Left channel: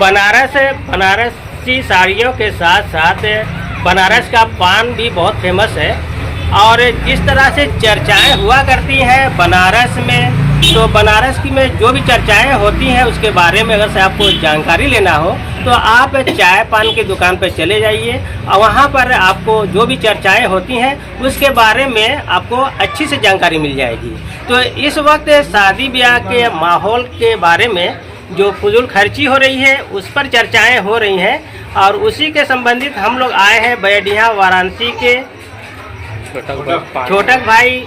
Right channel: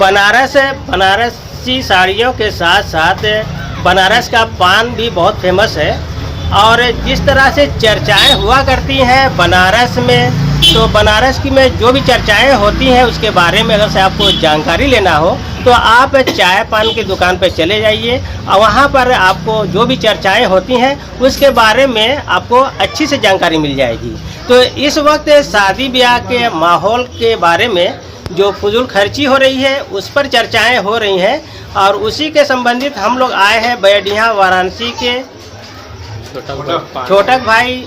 बनारसी साड़ियों के साथ साथ बनारस का पान भी बहुत फेमस है। और जिस तरह से चर्चाएं हुआ करती हैं बनारस में, तो बनारस की में जो भी चर्चाएं होती हैं उसके बारे में अगर से आपको जानकारी लेना हो तो आप चाय पान की दुकान पर चले जाइए और वहाँ पर आपको जो भी चर्चाएं होती हैं उसके बारे में आपको अच्छी से जानकारी मिल जाएगी। तो इस वक्त शादी ब्याह के माहौल के बारे में जो फजूल खर्ची हो रही है उस पर चर्चाएं हो रही हैं और उसी के संबंधित हम लोग आए हैं बैडिया वाराणसी के छोटक भाई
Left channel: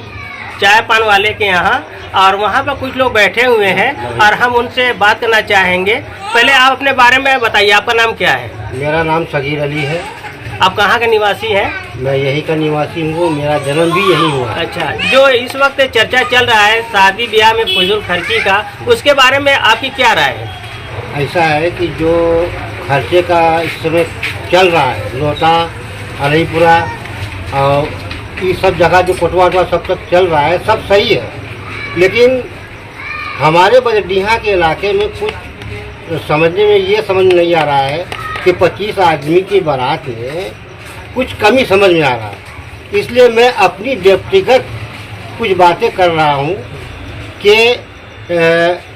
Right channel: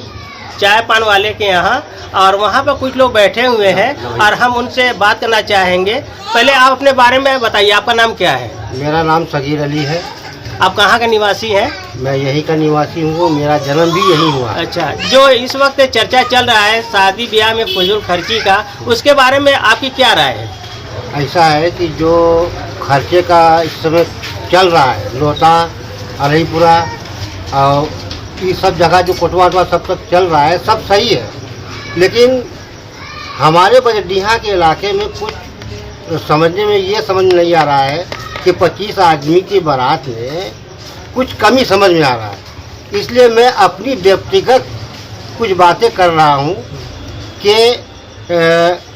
चाय पान वाले के यहाँ, और वहाँ पर कुछ लोग बैठे हुए हैं और हम उनसे बात करना चाहेंगे। पहले आप अपने बारे में बताइए, आपका नाम क्या है? मेरा नाम सगीर अली है। आप कहाँ का निवासी हैं? मैं यहीं का निवासी हूँ, मेरा जन्म भी यहीं हुआ। अच्छा, जो इस वक्त चर्चा चल रहा है शादी ब्याह में फजूल खर्ची का, उसके बारे में आपकी क्या राय है? ऐसा है कि जो खर्चे का इस समय चल रहा है, लोटा, अलीपुरा और ये सब जगह जो कोटवा वटवा सब तक चल रहा है, सब सही है। लेकिन हमारे बजडिहा के इलाके में कुछ समझने में ये समझ नहीं आ रहा है कि 25 आदमी की बारात में कुछ कमी समझ में आ रहा है। इसलिए मैं अपनी व्यक्तिगत कुछ बातें कर रहा हूँ कि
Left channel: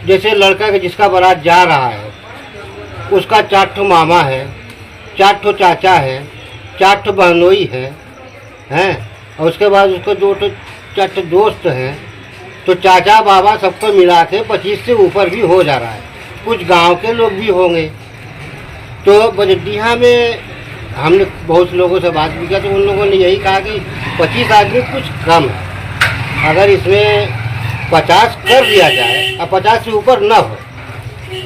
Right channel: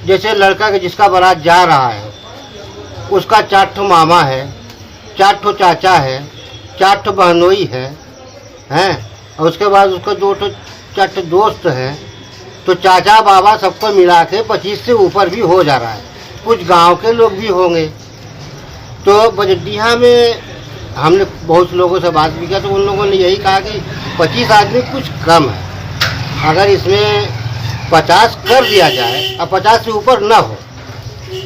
जैसे लड़का के जिसका बारात जा रहा है उसका 4 ठो मामा है, 4 ठो चाचा है, 4 ठो बहनोई हैं, और उसके बाद उसको 2 ठो 4 ठो दोस्त हैं। तो चाचा बाबा सबको मिला के 25 से ऊपर भी हो जा रहा है। कुछ गांव के लोग भी होंगे। तो बजडिहा में हमने बहुत लोगों से बात भी किया तो उन लोगों ने यही कहा कि 25 आदमी कुछ कम है, अगर इसमें 50 कर दिया जाए और 50 से ऊपर ना हो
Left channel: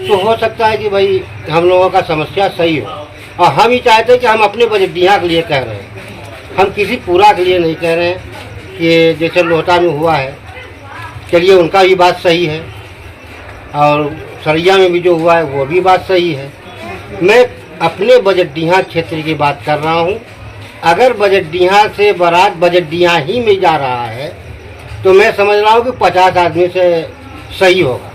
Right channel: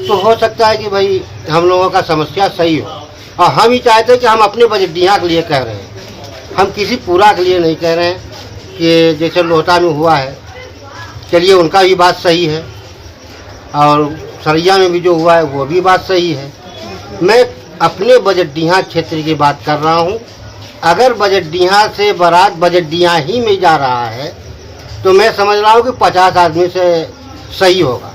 तो हो सकता है कि भाई हम लोगों का समस्या सही हो। और हम ही चाहते हैं कि हम अपने बजडिहा के लिए कह रहे हैं, हम किसी पूरा के लिए नहीं कह रहे हैं। कि जैसे लोटा में हुआ है, चलिए उनका भी बात सही है, और सरैया में भी जो हुआ है वो भी बात सही है। मैं अपने बजडिहा क्षेत्र की बात कर रहा हूँ। अगर बजडिहा से बारात बजडिहा ही में जा रहा है तो मैं समझ रहा हूँ कि 50 आदमी से सही होगा,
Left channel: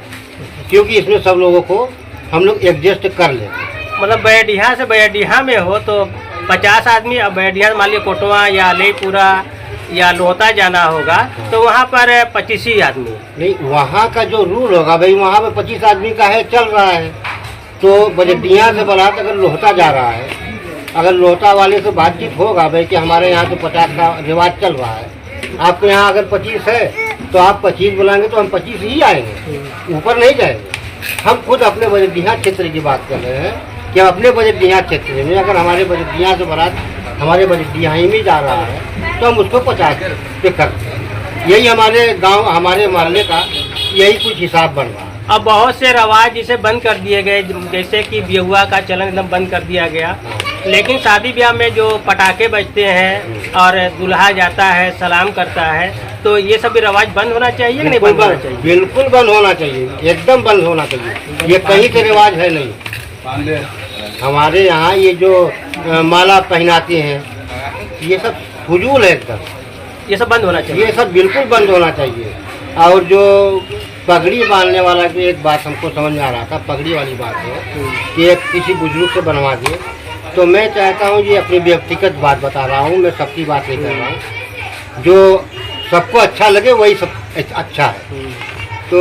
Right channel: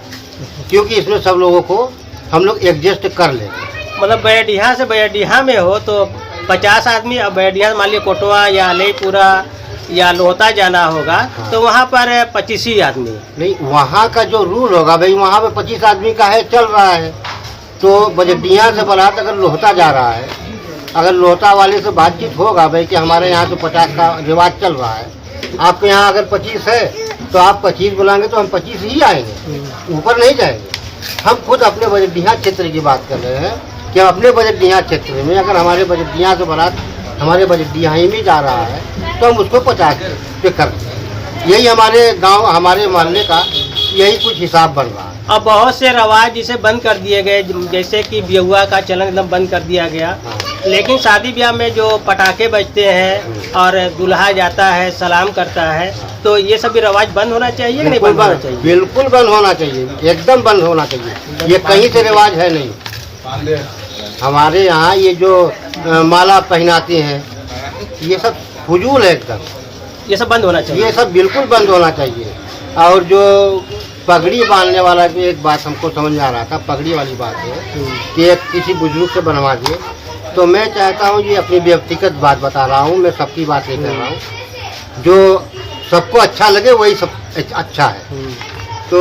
क्योंकि इसमें सब लोगों को हम लोग एडजस्ट कर लेंगे। मतलब बैडिया से बैडिया में हो तो 50 आदमी, अब बैडिया मान लीजिए कोटवा या अलीपुरा या लोहता जाना होगा। हाँ। तो वहाँ पर 25 ही आदमी नहीं, वहाँ का जो रूल होगा भाई, वहाँ पे 25 आदमी का है, चल रहा है। तो बजडिया से बारात अगर लोहता जा रहा है, अगर लोहता वाले से बातचीत होगा भाई कि हमारे यहाँ तो 50 का रिवाज चल रहा है, आपके यहाँ अगर 25 है तो आप 25 बुलाएंगे तो हम 25 ही आएंगे, ऊपर नहीं जाएंगे। हम खुद अपने बजडिहा क्षेत्र की बात कर रहे हैं कि हम अपने बजडिहा क्षेत्र में अगर हमारे बजडिहा से बारात हमारे बजडिहा ही में जा रहा है तो हम उसको 50 पे कर दें। यही हमारे गांव, हमारे मोहल्ले का यही कुछ हिसाब बन रहा है। अब बहुत से रवाज जिसे बंद कर दिए गए, जैसे कि बेहुआ का चलन एकदम बंद कर दिया गया। हाँ। लेकिन शादी ब्याह में जो पटाखे बजते हैं और दूल्हा जाता है, सलाम करता है, तो ये सभी रवाज बंद होना चाहिए कि नहीं बंद होना चाहिए? बिल्कुल बंद होना चाहिए, एकदम बंद होना चाहिए। ये कहीं से रिवाज है नहीं। हमारे यहाँ ये जो माला पहनाते हैं ये सब फजूल है एकदम, ये सब बंद होना चाहिए। ये सब बिल्कुल बंद होना चाहिए। और जो पगड़ी बांधने वाला की एक बात हमको समझ में आ रहा था, पगड़ी वाली बात है कि एक किसी बुजुर्ग से बनवा दिए। तो मैं चाहता हूँ, ये अपनी व्यक्तिगत बात बता रहा हूँ, मैं सबकी बात नहीं कर रहा हूँ, जो सबको अच्छा लगे वही सब अच्छा है। तो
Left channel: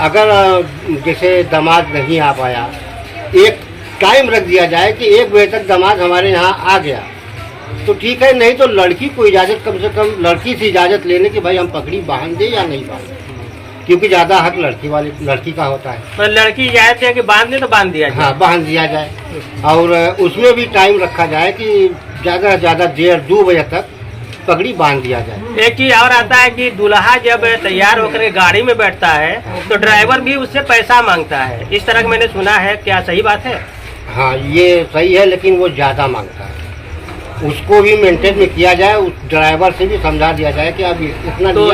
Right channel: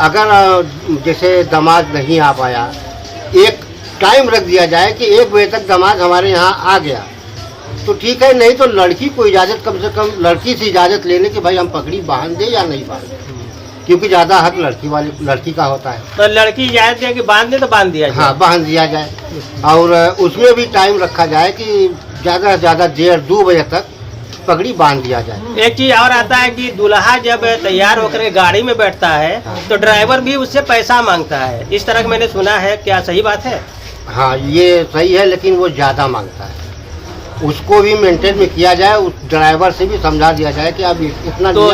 अगर जैसे दामाद नहीं आ पाया, एक टाइम रख दिया जाए कि 1 बजे तक दामाद हमारे यहाँ आ गया तो ठीक है, नहीं तो लड़की को इजाज़त, कम से कम लड़की से इजाज़त लेने की भाई हम पगड़ी बांध दे या नहीं बांध दे, क्योंकि ज़्यादा हक लड़की का होता है। तो लड़की इजाज़त दे कि बांध दे तो बांध दिया जाए। हाँ, बांध दिया जाए। और उसमें भी टाइम रखा जाए कि ज़्यादा से ज़्यादा 1:30-2 बजे तक पगड़ी बांध दिया जाए। एक चीज़ और आता है कि दूल्हा जब तैयार होकर गाड़ी में बैठता है तो ड्राइवर भी उससे पैसा मांगता है, इस तरह का मैंने सुना है, क्या सही बात है? हाँ, ये सही है, लेकिन वो ज़्यादा मांगता है। उसको भी मेंटेन में किया जाए, उस ड्राइवर से भी समझा दिया जाए कि अब इतना तो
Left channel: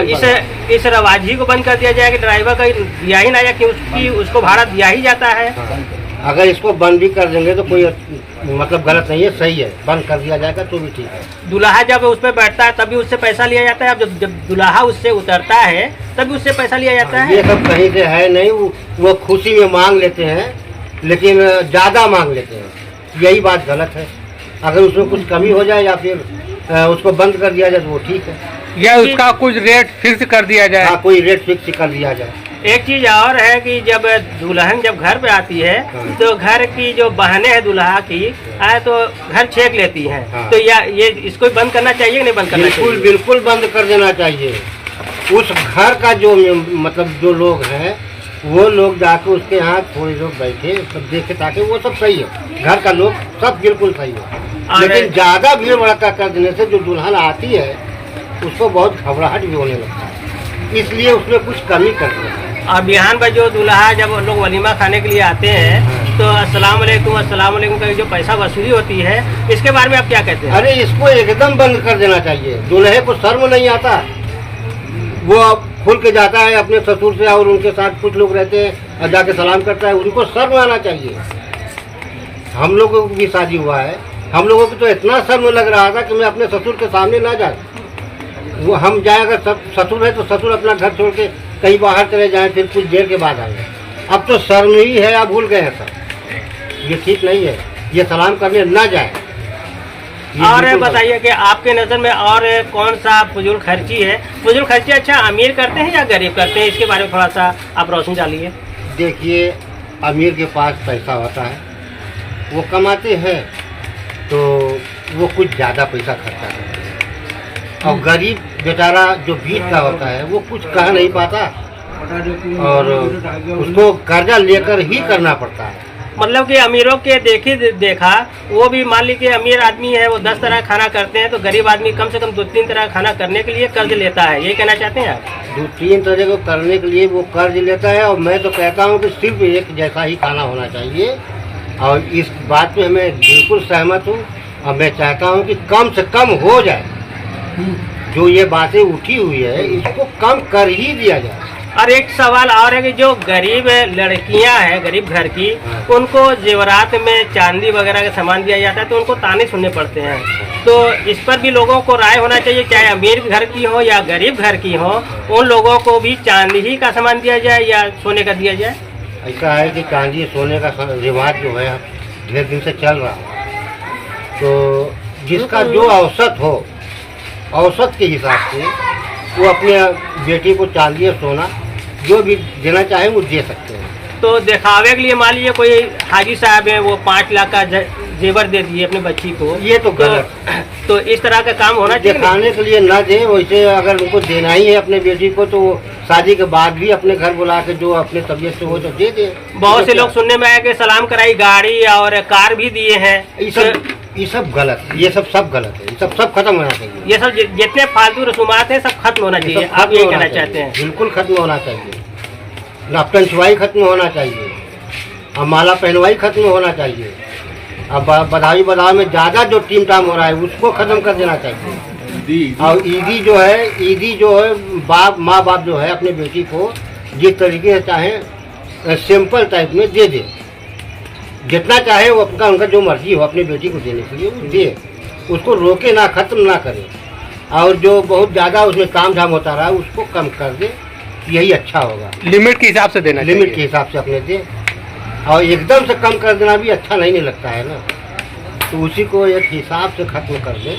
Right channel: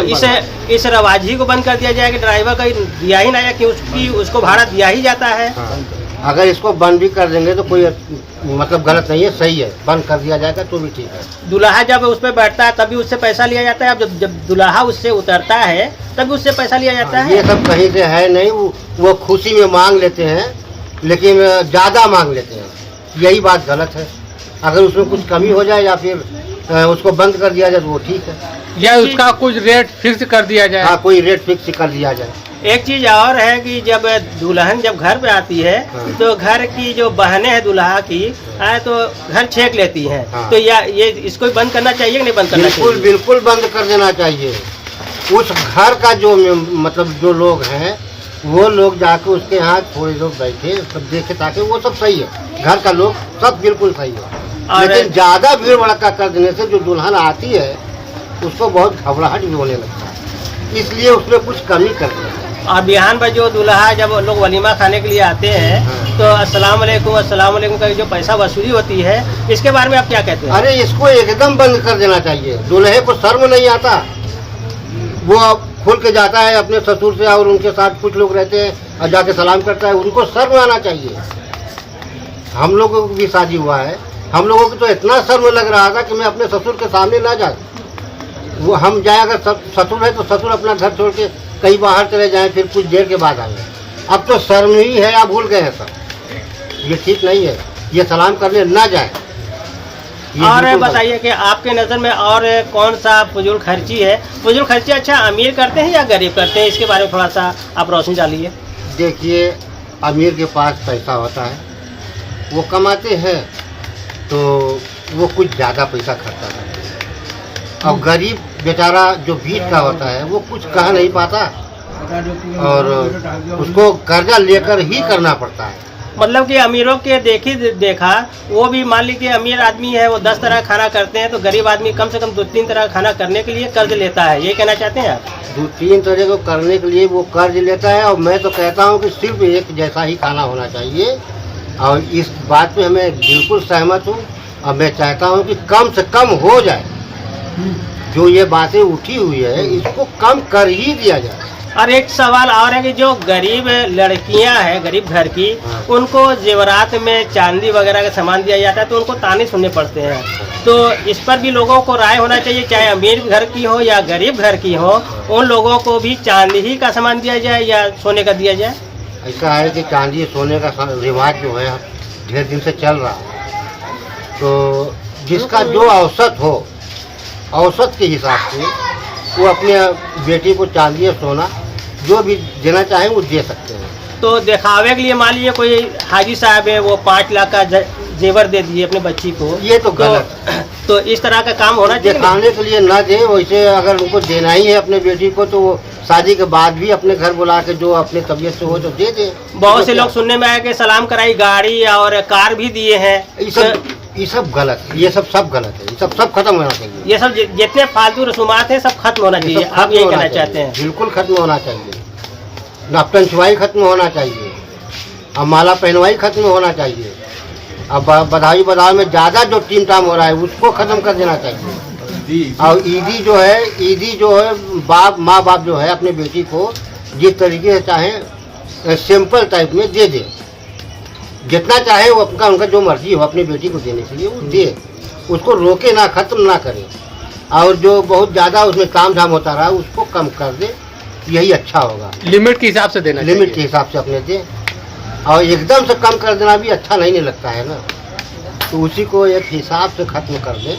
इस रवाज ही को बंद कर दिया जाए कि ड्राइवर का दिया ही ना जाए, कि उसको भाड़ा दिया ही जाता है। हाँ, अगर इसको बंद भी कर देंगे तो कोई मतलब गलत नहीं है, सही है। बंद कर दिया जाएगा तो भी ठीक है। दूल्हा जब उस पर बैठता है तभी उससे पैसा लिया जाता है, अब जब दूल्हा उससे उतरता है तभी उससे पैसा लिया जाता है। ये सब कहीं से है नहीं, वो खुशी में मांग लेते हैं, लेकिन ज़्यादा मांग लेते हैं, यही बात गलत है। अगर उसमें कुछ कमी हो जाए या फिर उसको बंद कर दिया जाए तो वो ठीक है, या उसका कुछ रेट फिक्स कर दिया जाए। हाँ, कोई रेट फिक्स कर दिया जाए। एक चीज और है कि जब दुल्हन जब घर पे आती है हाँ। तो घर की जो बहनें हैं दूल्हा की तो घर छेक लेती हैं, हाँ। तो ये इसको बंद करना चाहिए कि नहीं बंद करना बिल्कुल चाहिए? बिल्कुल बंद कर देना चाहिए। उस घर का जो मतलब जो लोग हैं वो लोग जाके उसके यहाँ थोड़े लोग बैठे सब देखे, ताकि वो सब सही है, घर का लोग सब बिल्कुल सही है। लेकिन ज़्यादा भीड़ भड़का कर देने से जो दुल्हन आती है उसको बहुत घबराहट भी होने लगता है, इसलिए उसमें कुछ कमी कर देना है। और बिहान पर जो दूल्हा जब लोग वलीमा खाने के लिए आते हैं हाँ। तो अस्सलाम वालेकुम का जो पैसा वसूली होती है, इसके बारे में आप क्या कहते हैं? अरे इसको एकदम बंद कर देना चाहिए। दूल्हे को शर्म नहीं आता, वो खुल के जाता है अपने ससुर से और उनके साथ कुछ लोग रहते हैं और जाके सलाम करता है, उनको शर्म आना चाहिए। हम लोगों को भी शादी हुआ है, हम लोगों को तो इतना शर्म लग रहा था कि मैं अपने ससुर के सामने ना जा, वो हम जाए अगर ससुर है तो ससुर अपना घर छोड़ के कहीं बाहर चले जाएं, फिर कुछ देर के बाद आएंगे। अब तो शर्म ही है, आप भूल गए हैं सब, ये ठीक नहीं है, ये सलाम करने ना जाए। और बताइए कि आपके नज़र में और कौन सा फजूल खर्ची है? फजूल खर्ची अच्छा अमीर करते हैं या गरीब करते हैं, इसके बारे में थोड़ा सा आप रोशनी डालिए। देखिए, अमीर के पास पैसा होता है, वो कमाते हैं तो वो कुछ ज़्यादा पैसा खर्चा करते हैं, और गरीब बेचारा जो बीच का होता है वो कुछ कह नहीं पाता और उसको कर्जा लेकर ही करना पड़ता है। मतलब कि अमीरों के देखा वो भी मान लीजिए अमीर आदमी है, वो 10 तरह खाना करते हैं, तो गरीब आदमी कम से कम 2-3 तरह खाना करने के लिए कर्ज लेता है, ये कहना चाहते हैं आप? 2-3 तरह को करने के लिए वो कर्ज लेता है, और मैं तो कहता हूँ कि सिर्फ एक जैसा ही खाना होना चाहिए, और इस बात पे मैं बिल्कुल सहमत हूँ। और मैं चाहता हूँ कि कम से कम हो जाए, जो ये बातें उठी हुई है इसको कम कर ही दिया जाए। और एक सवाल और है कि जो गरीब लड़कियां हैं गरीब घर की, हाँ। उनको जेवरात में चांदी वगैरह का सामान दिया जाता है, तो उनको ताने सुनने पड़ते हैं, तो इस पर भी लोगों को राय होना चाहिए, चाहे अमीर घर की हो या गरीब घर की हो, उन लोगों को भी चांदी ही का सामान दिया जाए या सोने का दिया जाए? ऐसा है कि चांदी सोने का रिवाज जो है ढेर दिन से चल रहा है, तो जिसका जो औसत हो, औसत के हिसाब से वो अपने बेटी को चांदी या सोना जो भी देना चाहे वो दे सकते हैं। तो दिखावे के लिए मान लीजिए कोई हाजी साहब है, वो 5 लाख का जेवर दे दिए अपने बच्ची को, ये तो गलत। तो इस तरह का काम होना चाहिए। दिखाने के लिए ना दे, वैसे अगर उनको देना ही है अपने बेटी को तो वो शादी के बाद भी अपने घर बुला के जो अपने तबीयत से हो तो दे दे। बहुत से लोग सुनने में आया कि सलाम कराई गाड़ी और कार भी दिए हैं, ये सब गलत, ये सब गलत है, ये सब खत्म होना चाहिए। ये सब जितने फालतू रसूमात हैं सब खत्म होना चाहिए, आप ये कहना चाहते हैं? बिल्कुल खत्म होना चाहिए। नापतन छुआई खत्म होना चाहिए, और माला पहनवाई खत्म होना चाहिए, अब बधाई में ज़्यादा जो टीम टाम हो रहा है उसको खत्म कर देना चाहिए। और ईदी जो है माँ बाप जो है अपने बेटी को जिस तरीके से चाहे सिंपल टाइप में दे दे, जितना चाहे वो अपना उनका जो मर्जी हो अपनी बेटी को देने के लिए वो दे, उसको रोके ना, खत्म ना करे, और जो बहुत ज़्यादा उसमें काम झाम होता रहा उसको कम कर दे, यही अच्छा होगा। लिमिट के हिसाब से देना, लिमिट के हिसाब से अपने दे, और एकदम से कम कर देना भी अच्छा नहीं लगता है ना, तो उसी को एक हिसाब से ख़त्म कर दे।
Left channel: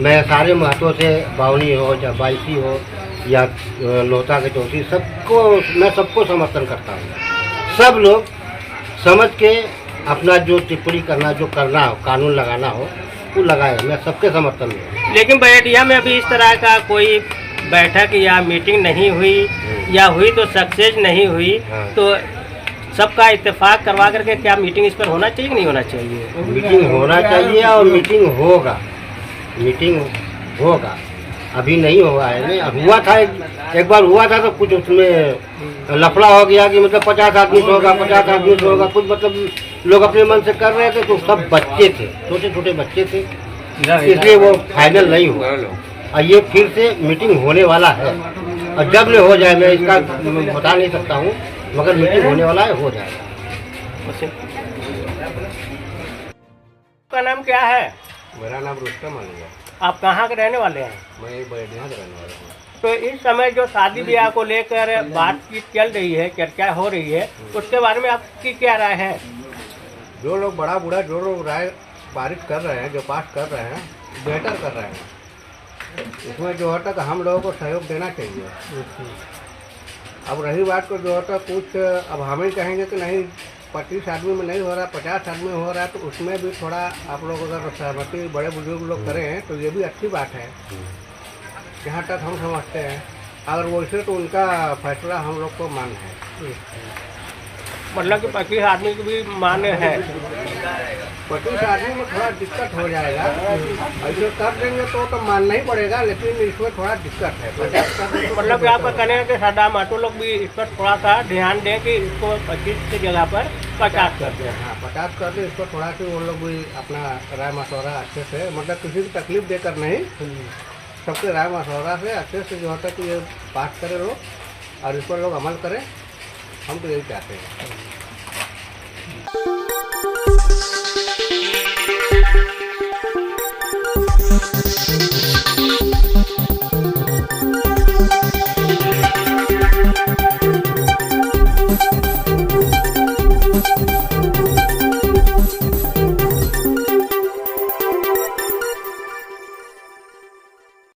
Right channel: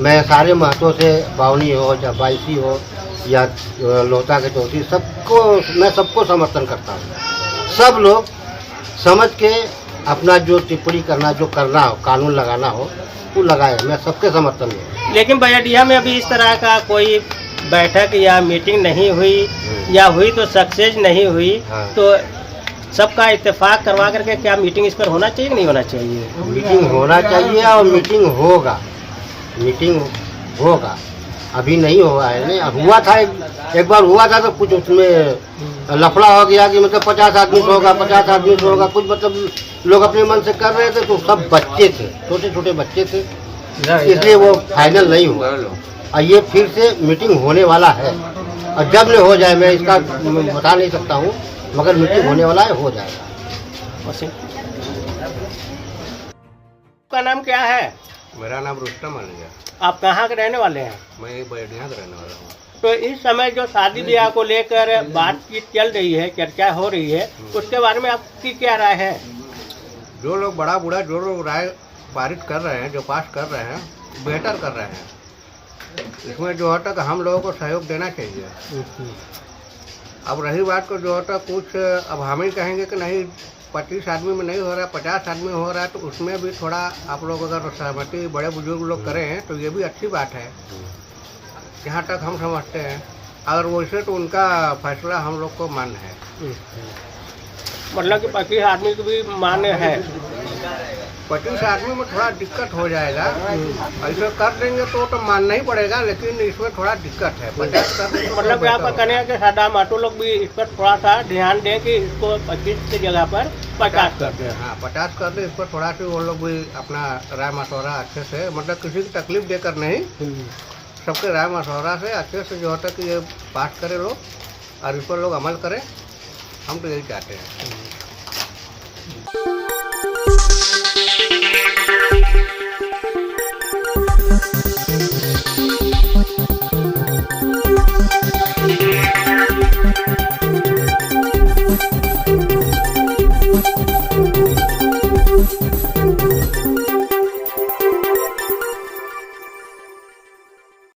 मैं सारे महत्वों से बावनी हो या बाईसी हो या लोहता के चौथी सबको समर्थन करता हूँ। सब लोग समझ के अपना जो टिप्पणी करना जो करना हो, कानून लगाना हो वो लगाए, मैं सबके समर्थन में। लेकिन बजटिया में अभी इस तरह का कोई बैठक या मीटिंग नहीं हुई, या हुई तो सक्सेस नहीं हुई, हाँ। तो सबका इत्तेफाक करवा करके क्या मीटिंग इस पर होना चाहिए कि नहीं होना चाहिए? मीटिंग होना चाहिए और मीटिंग होगा। अभी नहीं हुआ है, नहीं हुआ था, एक बार हुआ था तो कुछ उसमें लफड़ा हो गया कि मतलब 50 आदमी से होगा, 50 आदमी से होगा, कुछ मतलब लोग अपने मन से कर रहे थे, तो सब बच्चे थे, छोटे छोटे बच्चे थे, इसलिए वो फाइनल नहीं हुआ। और ये फिर से मीटिंग होने वाला है, और जब ले हो जाए मैं इसका बता नहीं सकता हूँ, मगर मीटिंग होने वाला है, हो जाएगा। आपका नाम क्या है? मेरा नाम रुस्तम अली है। आप कहाँ के रहने वाले हैं? मैं बैठिया रहने वाला हूँ। तो इस समय जो शादी ब्याह को लेकर बातचीत चल रही है, चर्चा हो रही है, उसके बारे में आपकी क्या राय है? जो लोग बड़ा बूढ़ा जो लोग राय पारित कर रहे हैं, जो पास कर रहे हैं, बेहतर कर रहे हैं। इसमें जो है तक हम लोगों को सहयोग देना चाहिए। अब रही बात को जो है कुछ अब हम ही कहेंगे कि नहीं 25 आदमी में नहीं हो रहा, 50 आदमी में हो रहा है, तो उसमें भी थोड़ा आप लोग अगर सहमति बड़े बुजुर्ग लोग करें तो ये भी अच्छी बात है, जहाँ तक हम समझते हैं। अगर वैसे तो उनका फैसला हम लोग को मान्य है। मतलब कि 25 आदमी की भी मान्य है। 25 आदमी में थोड़ा दिक्कत हो जाएगा। ऐसे कर देंगे तो मानना ही पड़ेगा, लेकिन इसमें थोड़ा दिक्कत है। 50 कर देंगे तो मतलब कि आपका कहने है कि सादा माटो लोग भी इस पर थोड़ा सा ध्यान दें कि इसको 25 की जगह पर 50 कर दें। हाँ 50 कर दें। इस पर थोड़ा सी वो लोग भी अपना राय मशवरा अच्छे से, मतलब किसी की तकलीफ देकर नहीं, सबके राय मशवरा से अच्छे से जो होता है कि ये पास करे लोग और इस पर लोग अमल करें। हम तो यही चाहते हैं।